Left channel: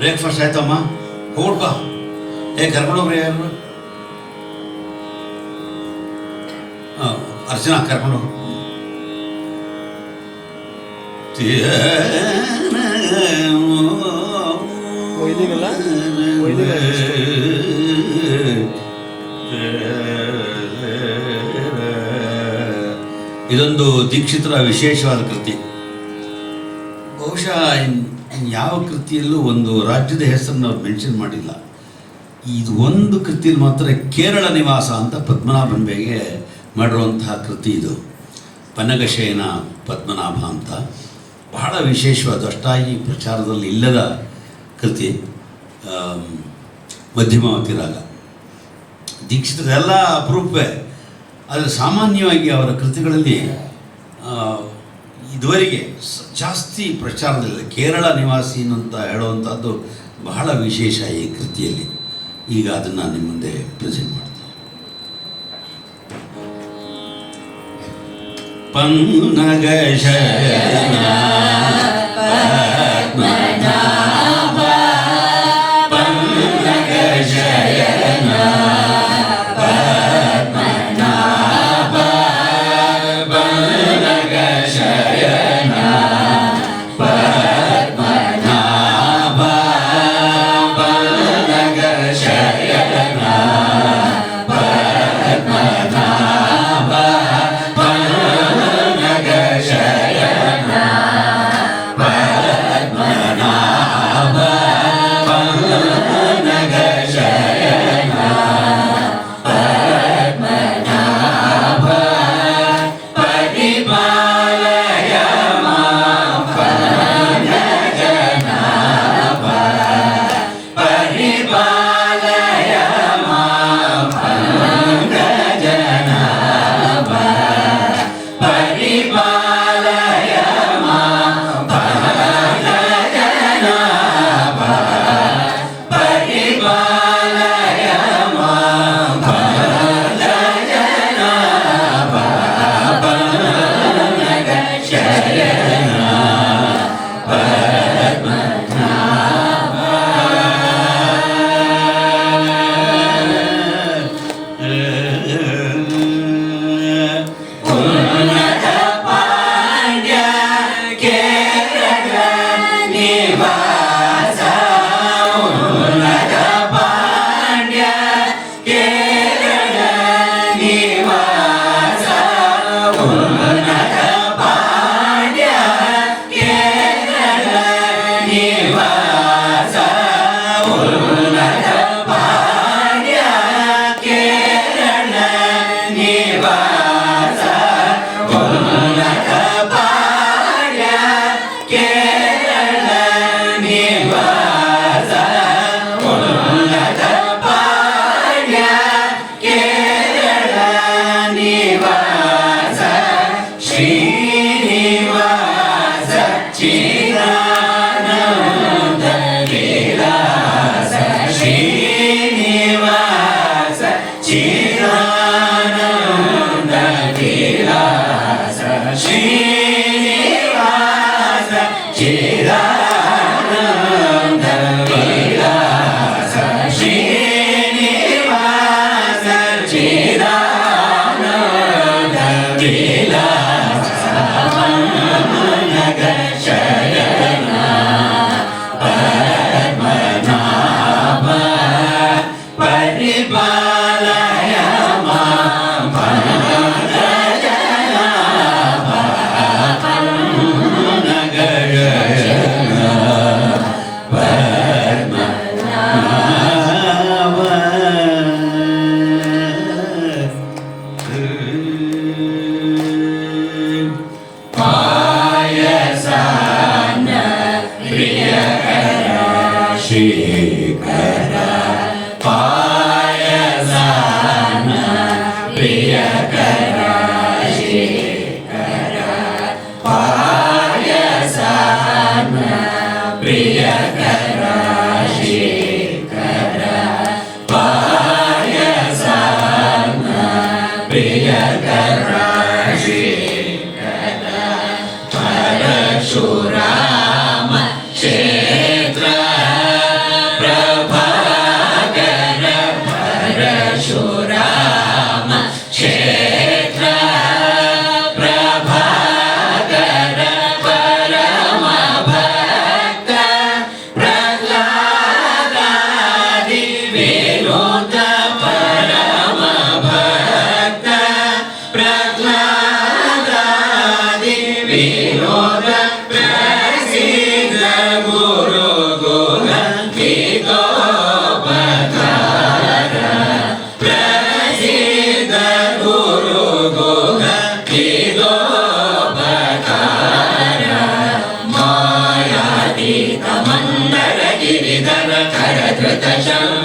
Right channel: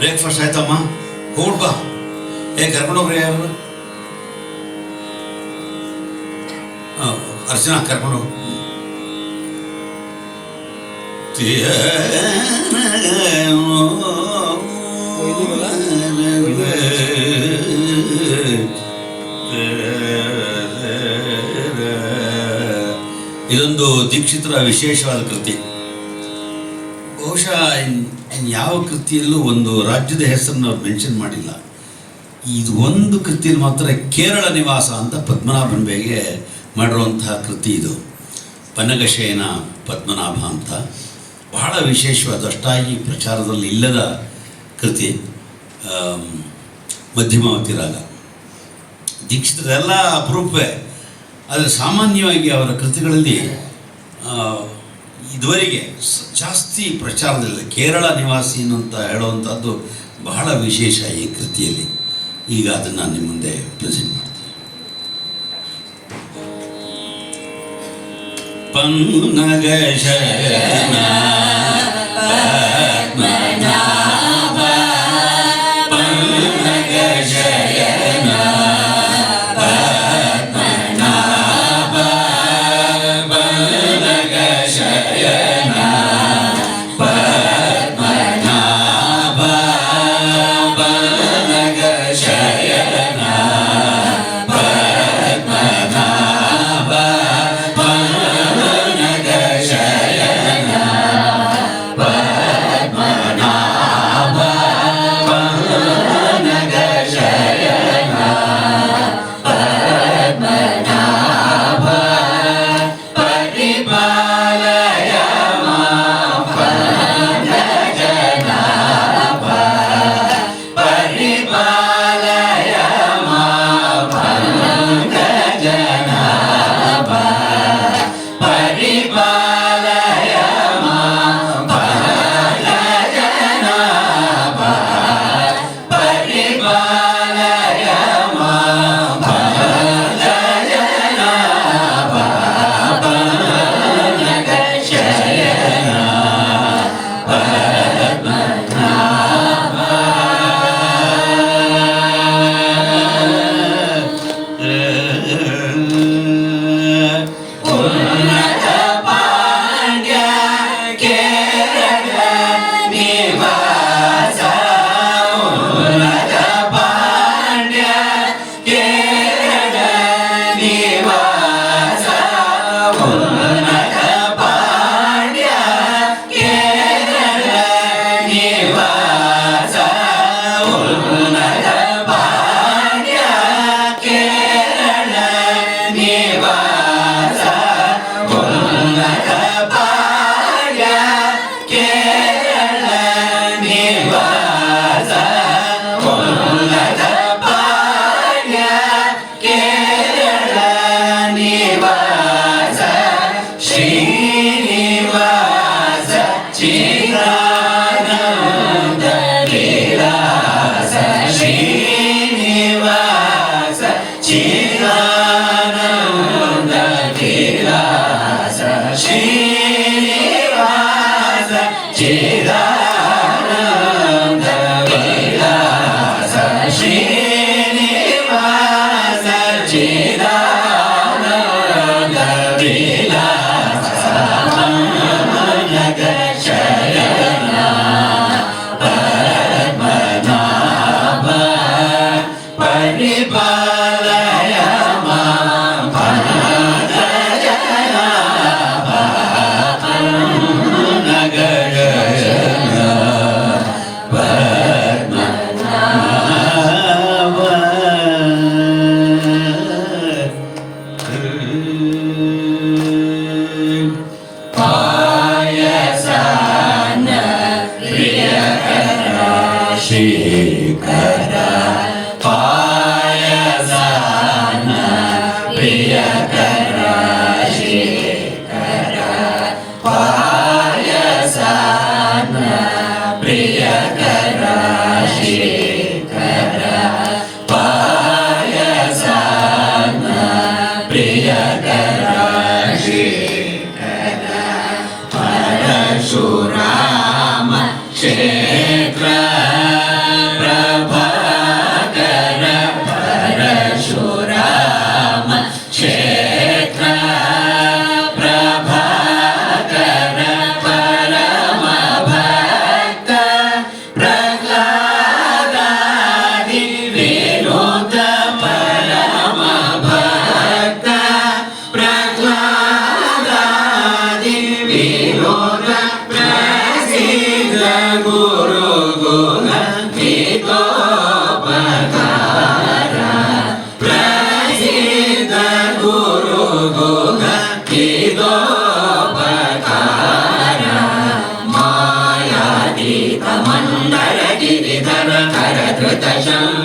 Breakfast ಆಯ್ತಮ್ಮ, ಹೋಗ್ಬಾ. ಕರ್ಕೊಂಡೋಗ್ರಿ ಯಾರು? ಅರ್ಚನಾ ಕರ್ಕೊಂಡೋಗಿ. ಇದೊಂದು ದೀಕ್ಷಿತರ ವಿಶೇಷವಾದ ಕೃತಿ. ಬಹುಶಃ ಯಾವ ಕೃತಿಯಲ್ಲೂ ಒಂದು ರಾಜ್ಯದ ಹೆಸರನ್ನು ಅವ್ರು ಮೆನ್ಷನ್ ಮಾಡಿಲ್ಲ. ಇದು ಒಂದು ಕೃತಿಯಲ್ಲಿ ಮಾತ್ರ ಕೇರಳ ನಿವಾಸ ಅಂತ ಪದ್ಮನಾಭನ್ ಬೇಗೆ ಮಾಡಿರುವಂತಹ ಕೃತಿ. ಇದು ಪನ್ನಗಶಯನ ಪದ್ಮನಾಭ ಅಂತ ಬಹಳ ವಿಶೇಷವಾದ, ಅಷ್ಟಾಗಿ ಪ್ರಚಾರದಲ್ಲಿ ಇಲ್ಲದ ಕೃತಿ. ಮಧ್ಯಮಾವತಿ ರಾಗ. ದೀಕ್ಷಿತರೆಲ್ಲ ಅಪರೂಪವೇ, ಆದರೆ ಸಾಮಾನ್ಯವಾಗಿ ಅವರ ಕೃತಿಗಳಲ್ಲಿ ಇದುವರೆಗೆ ಜಾಸ್ತಿ ಪ್ರಚಾರದಲ್ಲಿಲ್ಲ. ಕೇರಳ ನಿವಾಸಿ ಅಂತ ಹೇಳುವಂಥದ್ದು ಬಹಳ ವಿಶೇಷ ಈ ಕೃತಿಯಲ್ಲಿ. ಈಗ ಅದನ್ನು ನಿಮ್ಮ ಮುಂದೆ ಪ್ರೆಸೆಂಟ್ ಮಾಡ್ತೀನಿ. ಪನ್ನಗಶಯನ ಪದ್ಮನಾಭ ಪನ್ನಗಶಯನ ಪದ್ಮನಾಭ ಪನ್ನಗಶಯನ ಪದ್ಮನಾಭ ಪನ್ನಗಶಯನ ಪದ್ಮನಾಭ ಪನ್ನಗಶಯನ ಪದ್ಮನಾಭ ಪನ್ನಗಶಯನ ಪದ್ಮನಾಭ ಪರಿಪಾಲಯ ಮಾಂ ಪನ್ನಗಜನಾಭ ಪರಿಪಾಲಯ ಮಾಂ ಪನ್ನಗಜನಾಭ ಪರಿಪಾಲಯ ಮಾಂ ಪನ್ನಗಜನಾಭ ಪರಿಪಾಲಯ ಮಾಂ ಪನ್ನಗಜನಾಭ ಪನ್ನಗಶಯನ ಉನ್ನತ ಪಾಂಡ್ಯ ಕೇರಳ ನಿವಾಸ ಉನ್ನತ ಪಾಂಡ್ಯ ಕೇರಳ ನಿವಾಸ ಉನ್ನತ ಪಾಂಡ್ಯ ಕೇರಳ ನಿವಾಸ ಉನ್ನತ ಪಾಂಡ್ಯ ಕೇರಳ ನಿವಾಸ ಉನ್ನತ ಪಾಂಡ್ಯ ಕೇರಳ ನಿವಾಸ ಉನ್ನತ ಪಾಂಡ್ಯ ಕೇರಳ ನಿವಾಸ ಶ್ರೀನಿವಾಸ ಚಿದಾನಂದ ವಿಲಾಸ ಶ್ರೀನಿವಾಸ ಚಿದಾನಂದ ವಿಲಾಸ ಶ್ರೀನಿವಾಸ ಚಿದಾನಂದ ವಿಲಾಸ ಶ್ರೀನಿವಾಸ ಚಿದಾನಂದ ವಿಲಾಸ ಪನ್ನಗಶಯನ ಪದ್ಮನಾಭ ಪರಿಪಾಲಯ ಮಾಂ ಪನ್ನಗಜನಾಭ ಪನ್ನಗಶಯನ ಪದ್ಮನಾಭ ಪಾಯಸಾನ ಪ್ರಿಯಕರ ಶ್ರೀಕರ ಪಾಯಸಾನ ಪ್ರಿಯಕರ ಶ್ರೀಕರ ಪಾಯಸಾನ ಪ್ರಿಯಕರ ಶೇಖರ ಪಾಯಸಾನ ಪ್ರಿಯಕರ ಶೇಖರ ಪರಶುರಾಮ ಕ್ಷೇತ್ರ ಪ್ರಭಾಕರ ಪರಶುರಾಮ ಕ್ಷೇತ್ರ ಪ್ರಭಾಕರ ಪರಮ ಭಕ್ತ ಪ್ರಹ್ಲಾದಾದಿ ವಿನೋದ ಪರಮ ಭಕ್ತ ಪ್ರಹ್ಲಾದಾದಿ ವಿನೋದ ಪ್ರಸಿದ್ಧ ಗುರು ಗುಣ ಗೀತೋಪಕಾರ ಪ್ರಸಿದ್ಧ ಗುರು ಗುಣ ಗೀತೋಪಕಾರ ಮಾಯಾತೀತ ಮಂದರ ಗಿರಿಧರ ಖರಧೃತ ಶಂಭ